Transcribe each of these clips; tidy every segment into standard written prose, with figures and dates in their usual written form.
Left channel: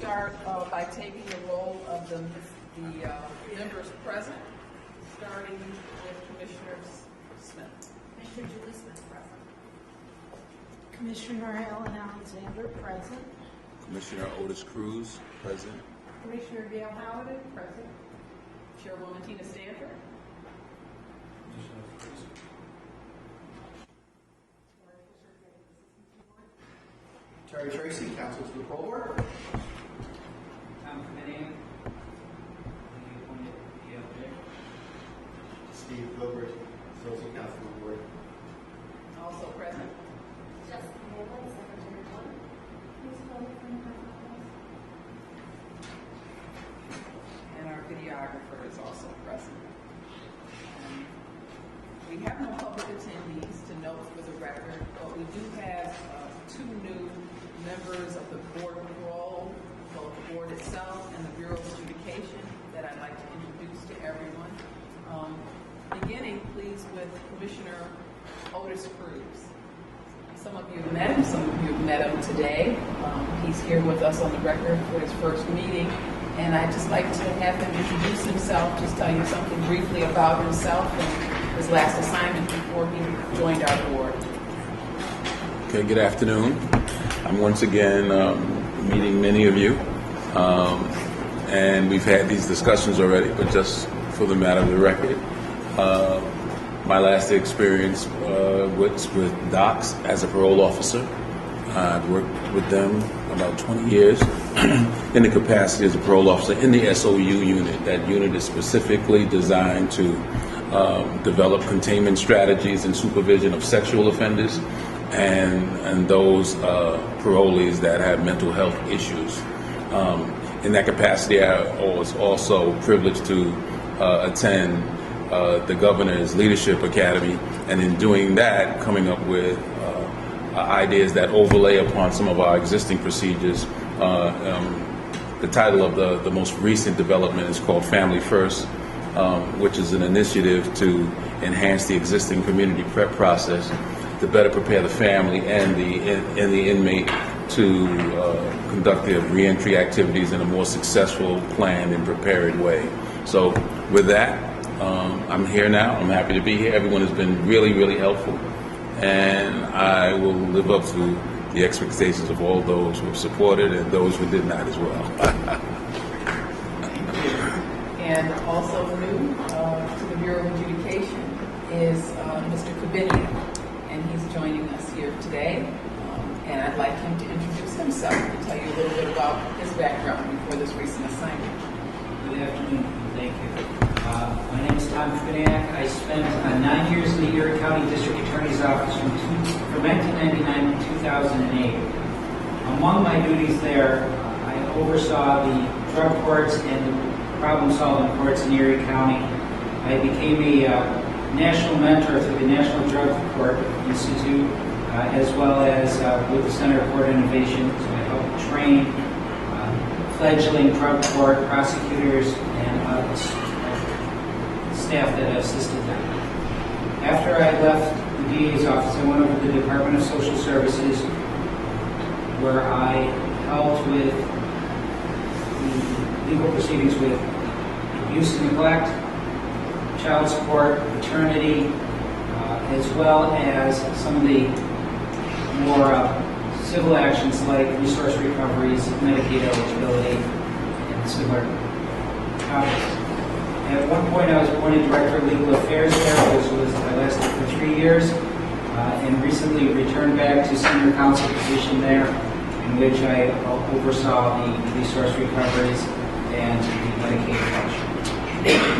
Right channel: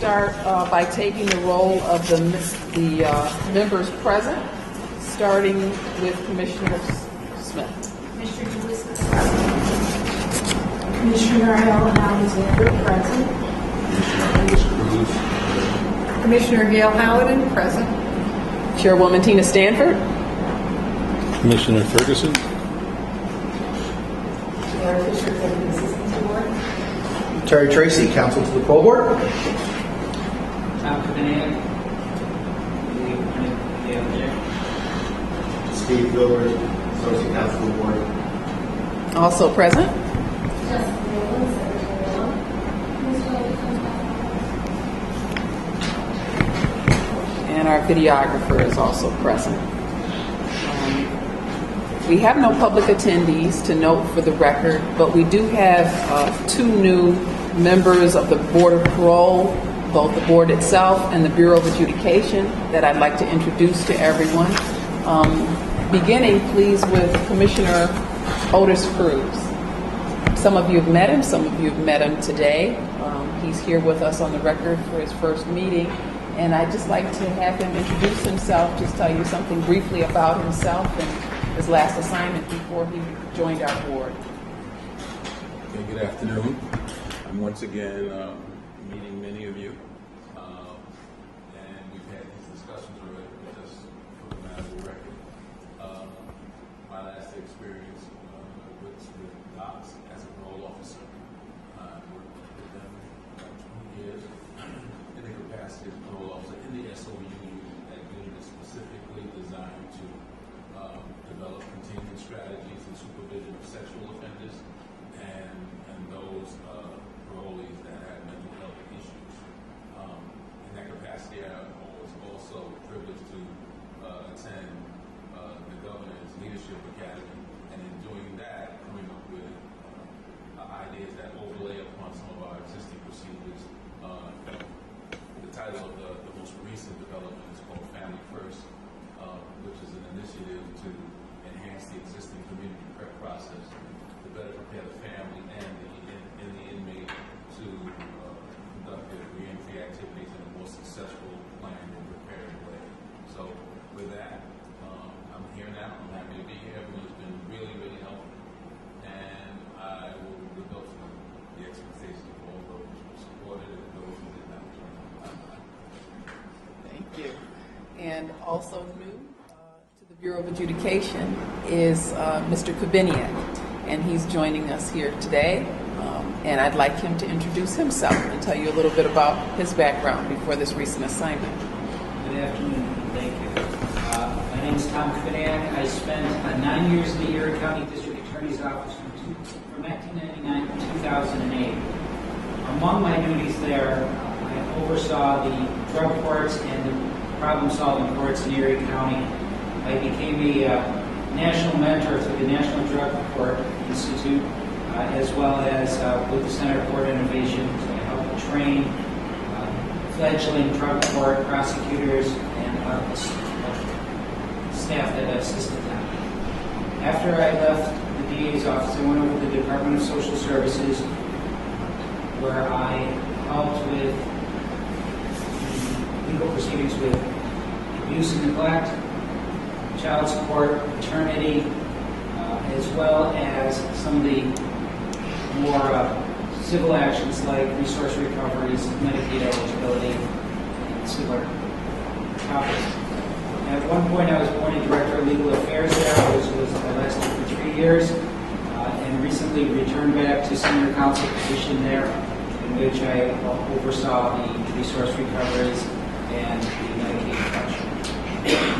start by taking the roll of the members present, starting with Commissioner Smith. Commissioner Lewis. Commissioner Alexander, present. Commissioner Cruz. Commissioner Gail Howard, present. Chairwoman Tina Stanford. Commissioner Ferguson. Chair Fisher, Executive Assistant to Board. Terry Tracy, Counsel to the Full Board. Tom Ferdinand. Steve Gilbert, Associate Counsel to the Board. Also present. And our videographer is also present. We have no public attendees to note for the record, but we do have two new members of the Board of Parole, both the board itself and the Bureau of Adjudication, that I'd like to introduce to everyone. Beginning, please, with Commissioner Otis Cruz. Some of you have met him, some of you have met him today. He's here with us on the record for his first meeting, and I'd just like to have him introduce himself, just tell you something briefly about himself and his last assignment before he joined our board. Okay, good afternoon. I'm once again meeting many of you, and we've had these discussions already, but just for the matter of the record, my last experience was with DOCS as a parole officer. I've worked with them about 20 years in the capacity as a parole officer in the SOU unit. That unit is specifically designed to develop containment strategies and supervision of sexual offenders and those parolees that have mental health issues. In that capacity, I was also privileged to attend the Governor's Leadership Academy, and in doing that, coming up with ideas that overlay upon some of our existing procedures. The title of the most recent development is called Family First, which is an initiative to enhance the existing community prep process to better prepare the family and the inmate to conduct their reentry activities in a more successful, planned, and prepared way. So with that, I'm here now. I'm happy to be here. Everyone has been really, really helpful, and I will live up to the expectations of all those who have supported and those who did not as well. And also new to the Bureau of Adjudication is Mr. Kabinian, and he's joining us here today. And I'd like him to introduce himself and tell you a little bit about his background before this recent assignment. Good afternoon. Thank you. My name is Tom Ferdinand. I spent 9 years in the Erie County District Attorney's Office from 1999 to 2008. Among my duties there, I oversaw the drug courts and the problem-solving courts in Erie County. I became a national mentor through the National Drug Court Institute, as well as with the Center for Innovation to help train fledgling drug court prosecutors and staff that assisted them. After I left the DA's office, I went over to the Department of Social Services, where I helped with the legal proceedings with abuse and neglect, child support, maternity, as well as some of the more civil actions like resource recoveries, Medicaid eligibility, and similar topics. And at one point, I was appointed Director of Legal Affairs there, I lasted for 3 years, and recently returned back to Senior Counsel position there, in which I oversaw the resource recoveries and the Medicaid collection.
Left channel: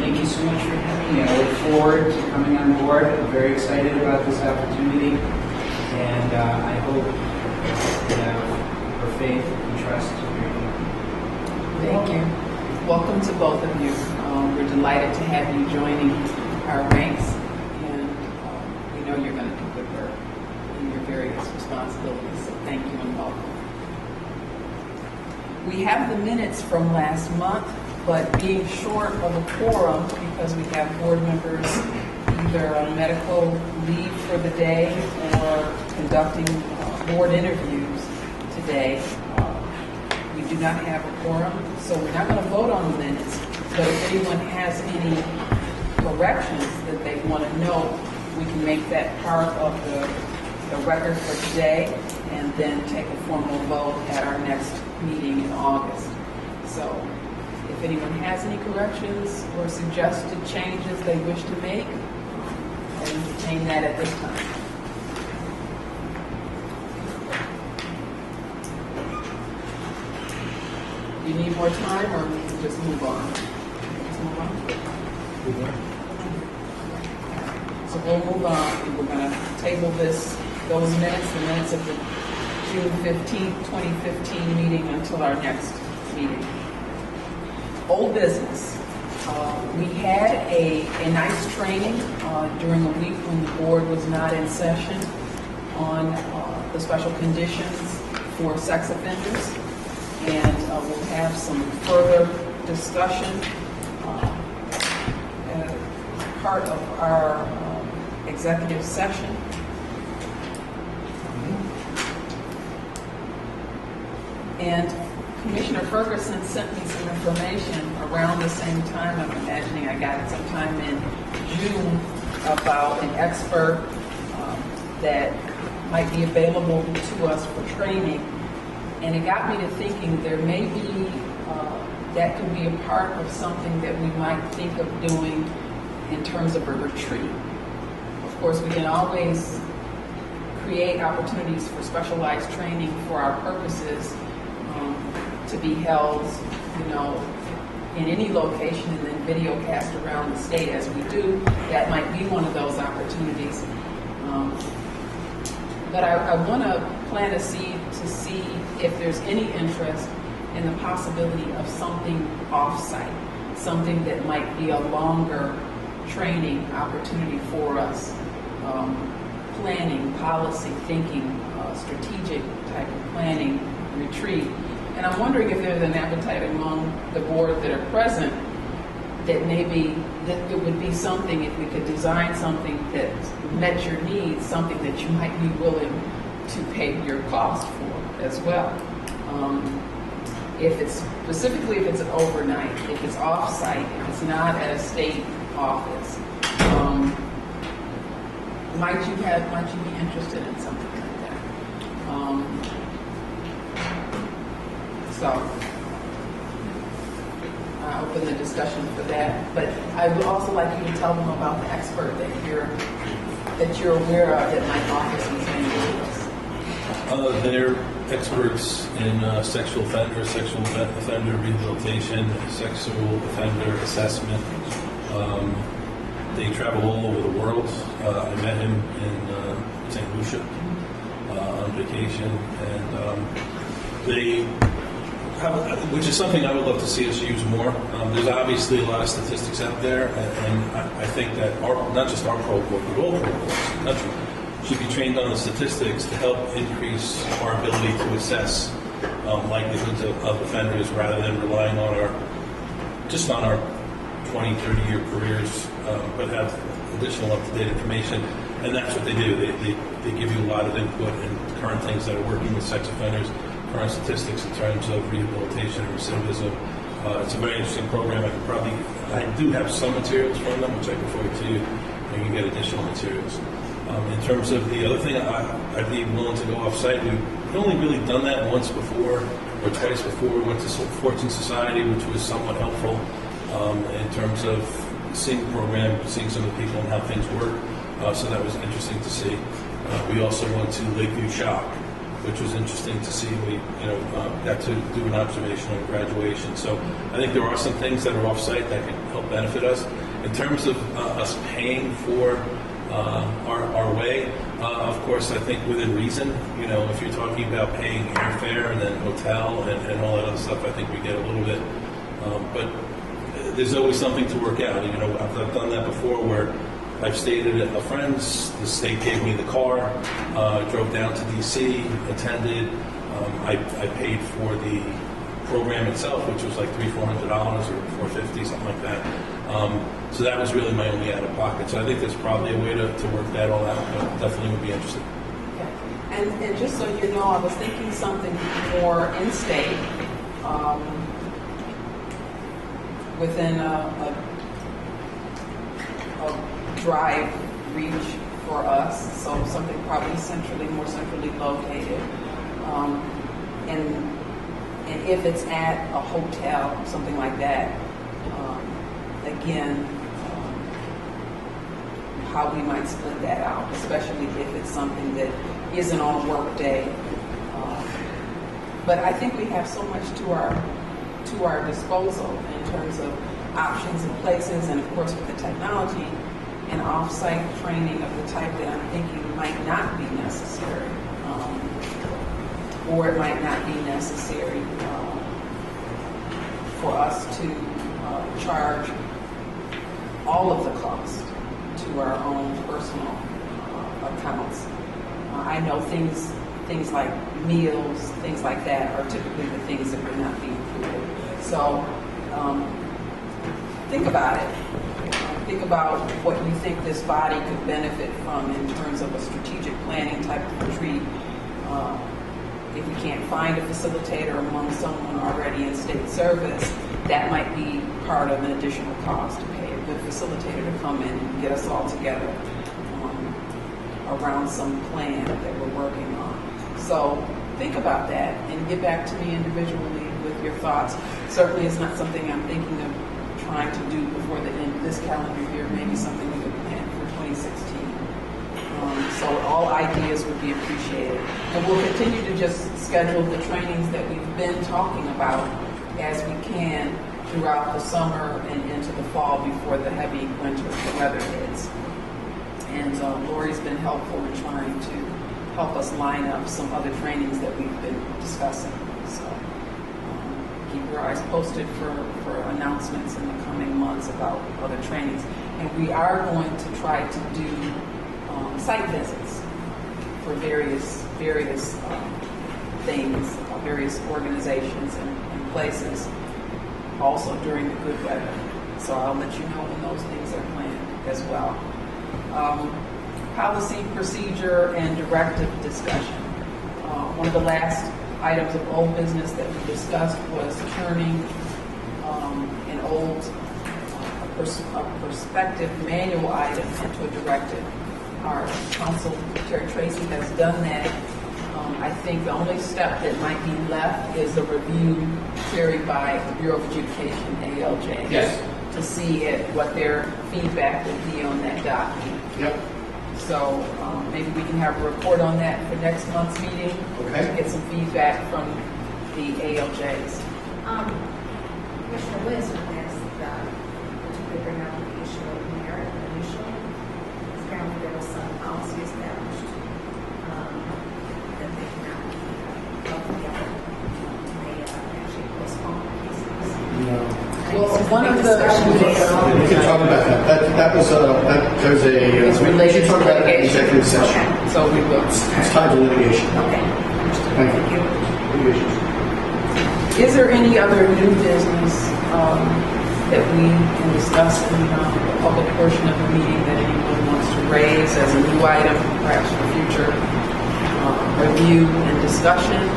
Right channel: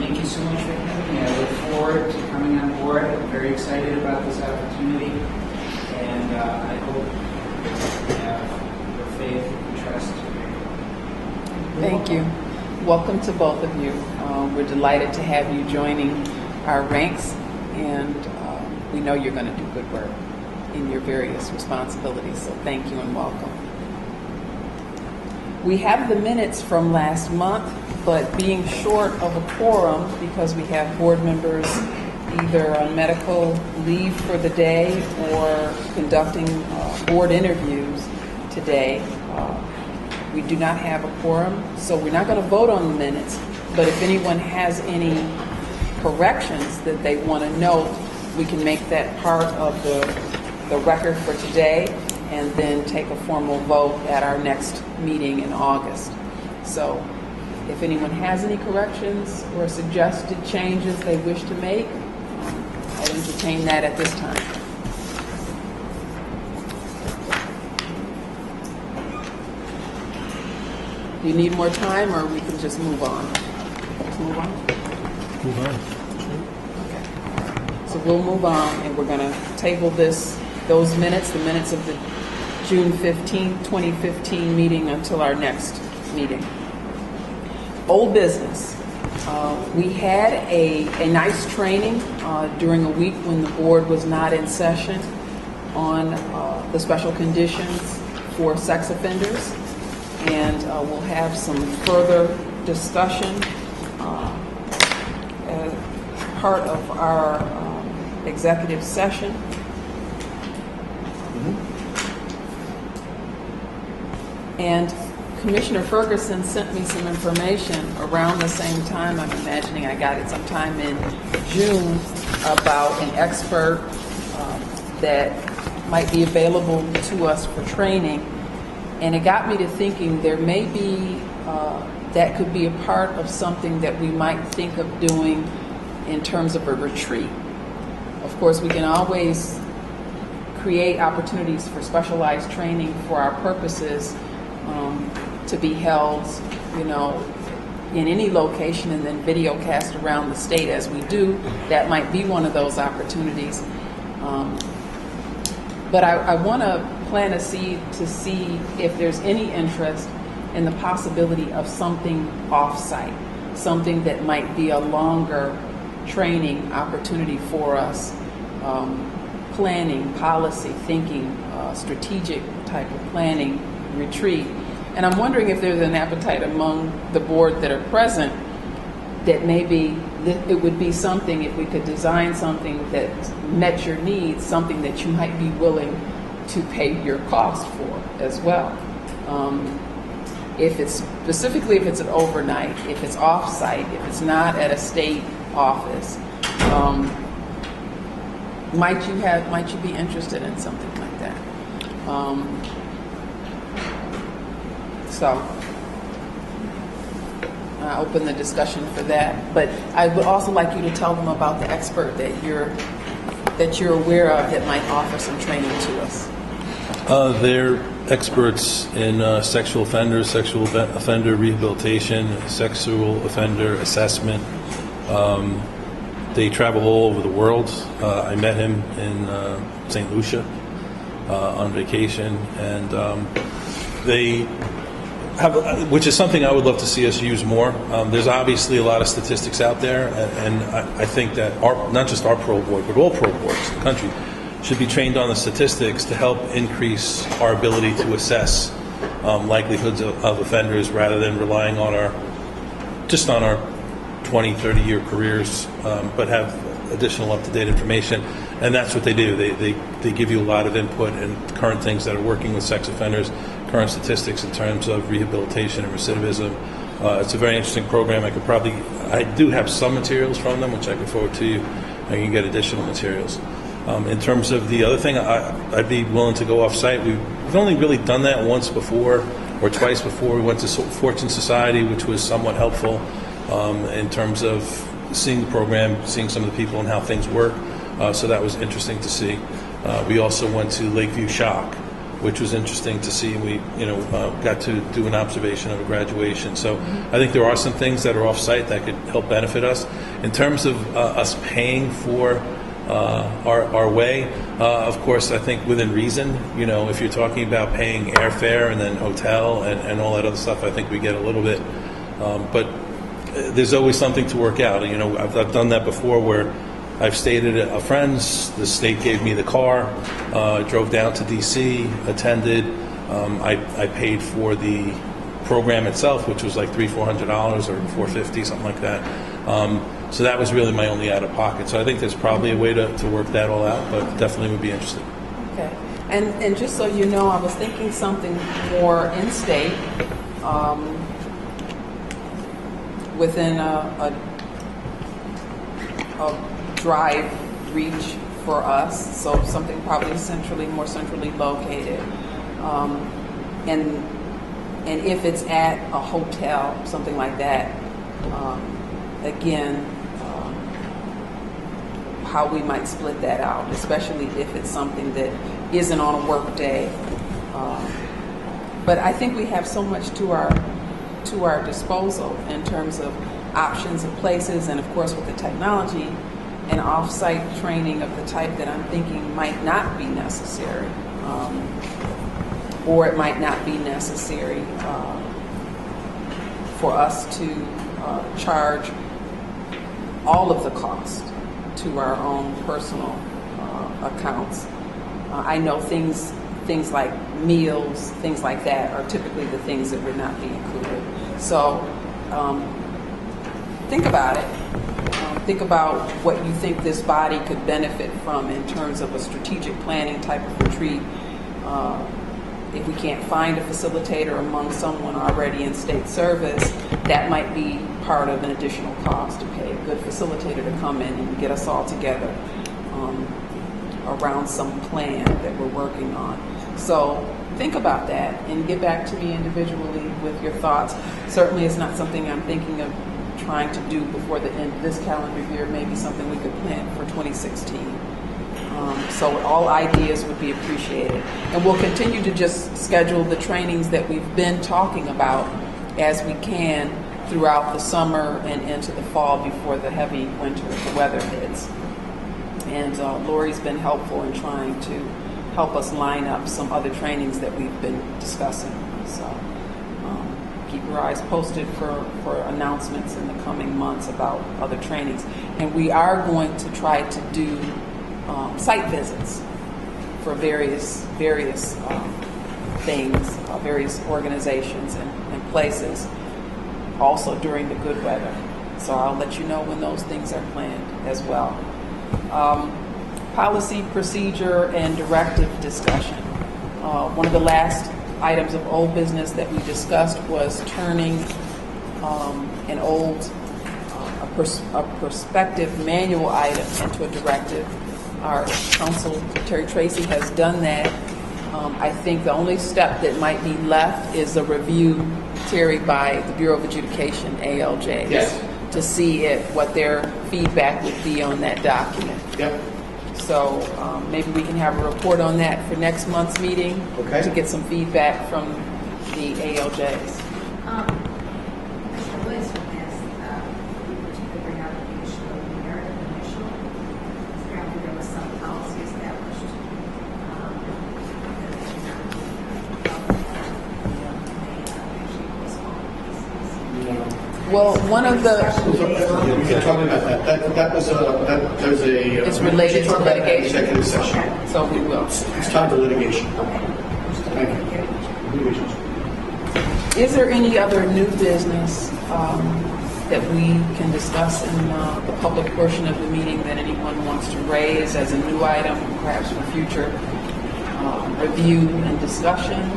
Thank you so much for having me. I look forward to coming on board. I'm very excited about this opportunity, and I hope you have your faith and trust. Thank you. Welcome to both of you. We're delighted to have you joining our ranks, and we know you're going to do good work in your various responsibilities, so thank you and welcome. We have the minutes from last month, but being short of a quorum because we have board members either on medical leave for the day or conducting board interviews today, we We do not have a quorum, so we're not going to vote on the minutes. But if anyone has any corrections that they want to note, we can make that part of the record for today and then take a formal vote at our next meeting in August. So if anyone has any corrections or suggested changes they wish to make, I'll entertain that at this time. Do you need more time, or we can just move on? Let's move on? Move on. Okay. So we'll move on, and we're going to table those minutes, the minutes of the June 15th, 2015 meeting until our next meeting. Old business. We had a nice training during a week when the board was not in session on the special conditions for sex offenders. And we'll have some further discussion as part of our executive session. And Commissioner Ferguson sent me some information around the same time. I'm imagining I got it sometime in June about an expert that might be available to us for training. And it got me to thinking there may be, that could be a part of something that we might think of doing in terms of a retreat. Of course, we can always create opportunities for specialized training for our purposes to be held, in any location and then video cast around the state as we do. That might be one of those opportunities. But I want to plant a seed to see if there's any interest in the possibility of something off-site, something that might be a longer training opportunity for us, planning, policy, thinking, strategic type of planning retreat. And I'm wondering if there's an appetite among the board that are present that maybe it would be something, if we could design something that met your needs, something that you might be willing to pay your cost for as well. If it's an overnight, if it's off-site, if it's not at a state office, might you be interested in something like that? So I open the discussion for that. But I would also like you to tell them about the expert that you're aware of that might offer some training to us. They're experts in sexual offender rehabilitation, sexual offender assessment. They travel all over the world. I met him in St. Lucia on vacation, and they have, which is something I would love to see us use more. There's obviously a lot of statistics out there, and I think that not just our parole board, but all parole boards in the country should be trained on the statistics to help increase our ability to assess likelihoods of offenders rather than relying on our 20, 30-year careers, but have additional up-to-date information. And that's what they do. They give you a lot of input and current things that are working with sex offenders, current statistics in terms of rehabilitation and recidivism. It's a very interesting program. I do have some materials from them, which I can forward to you. I can get additional materials. In terms of the other thing, I'd be willing to go off-site. We've only really done that once before, or twice before. We went to Fortune Society, which was somewhat helpful in terms of seeing the program, seeing some of the people and how things work. So that was interesting to see. We also went to Lakeview Shock, which was interesting to see. We, got to do an observation of a graduation. So I think there are some things that are off-site that could help benefit us. In terms of us paying for our way, of course, I think within reason. If you're talking about paying airfare and then hotel and all that other stuff, I think we get a little bit. But there's always something to work out. I've done that before where I've stayed at a friend's. The state gave me the car, drove down to D.C., attended. I paid for the program itself, which was like $300-400 or $450, something like that. So that was really my only out-of-pocket. So I think there's probably a way to work that all out, but definitely would be interested. Okay. And just so you know, I was thinking something more in-state. within a drive reach for us, so something probably more centrally located. And if it's at a hotel, something like that, again, how we might split that out, especially if it's something that isn't on a work day. But I think we have so much to our disposal in terms of options and places, and of course with the technology and off-site training of the type that I'm thinking might not be necessary, or it might not be necessary for us to charge all of the cost to our own personal accounts. I know things like meals, things like that are typically the things that would not be included. So think about it. Think about what you think this body could benefit from in terms of a strategic planning type of retreat. If we can't find a facilitator among someone already in state service, that might be part of an additional cost to pay a good facilitator to come in and get us all together around some plan that we're working on. So think about that and get back to me individually with your thoughts. Certainly it's not something I'm thinking of trying to do before the end of this calendar year, maybe something we could plan for 2016. So all ideas would be appreciated. And we'll continue to just schedule the trainings that we've been talking about as we can throughout the summer and into the fall before the heavy winter, the weather hits. And Lori's been helpful in trying to help us line up some other trainings that we've been discussing. So keep your eyes posted for announcements in the coming months about other trainings. And we are going to try to do site visits for various things, various organizations and places, also during the good weather. So I'll let you know when those things are planned as well. Policy, procedure, and directive discussion. One of the last items of old business that we discussed was turning an old prospective manual item into a directive. Our counsel, Terry Tracy, has done that. I think the only step that might be left is a review, Terry, by the Bureau of Adjudication, ALJ. Yes. To see what their feedback would be on that document. Yep. So maybe we can have a report on that for next month's meeting. Okay. To get some feedback from the ALJs. Commissioner Lewis would ask that you could bring up the issue of merit and initial. Apparently there was some policy established that they should not they actually postpone cases. No. Well, one of the We can talk about that. There's a. It's related we should talk to about that in litigation. executive session. so we will. It's tied to litigation. Okay. Thank you. Litigation. Is there any other new business that we can discuss in the public portion of the meeting that anyone wants to raise as a new item, perhaps for future review and discussion?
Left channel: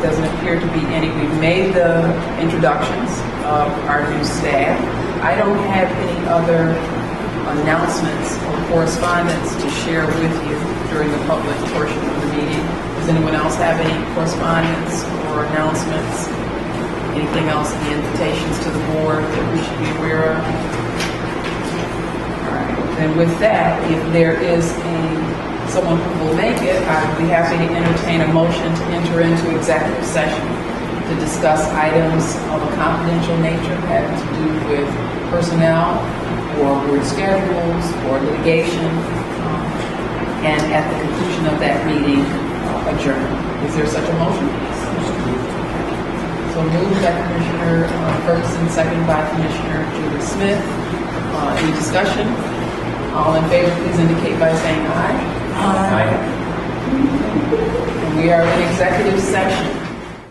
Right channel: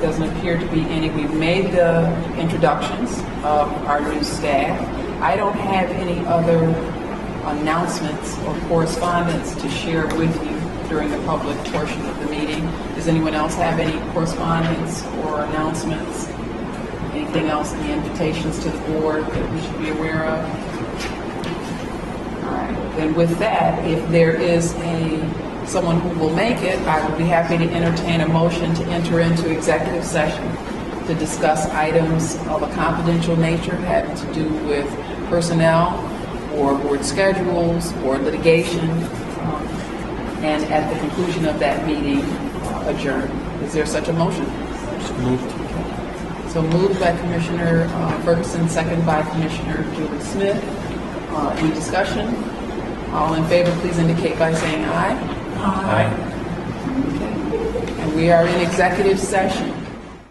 Doesn't appear to be any. We've made the introductions of our new staff. I don't have any other announcements or correspondence to share with you during the public portion of the meeting. Does anyone else have any correspondence or announcements? Anything else in the invitations to the board that we should be aware of? All right. Then with that, if there is someone who will make it, I would be happy to entertain a motion to enter into executive session to discuss items of a confidential nature having to do with personnel or board schedules or litigation, and at the conclusion of that meeting, adjourn. Is there such a motion? So moved by Commissioner Ferguson, second by Commissioner Julie Smith. Any discussion? All in favor, please indicate by saying aye. Aye. And we are in executive session.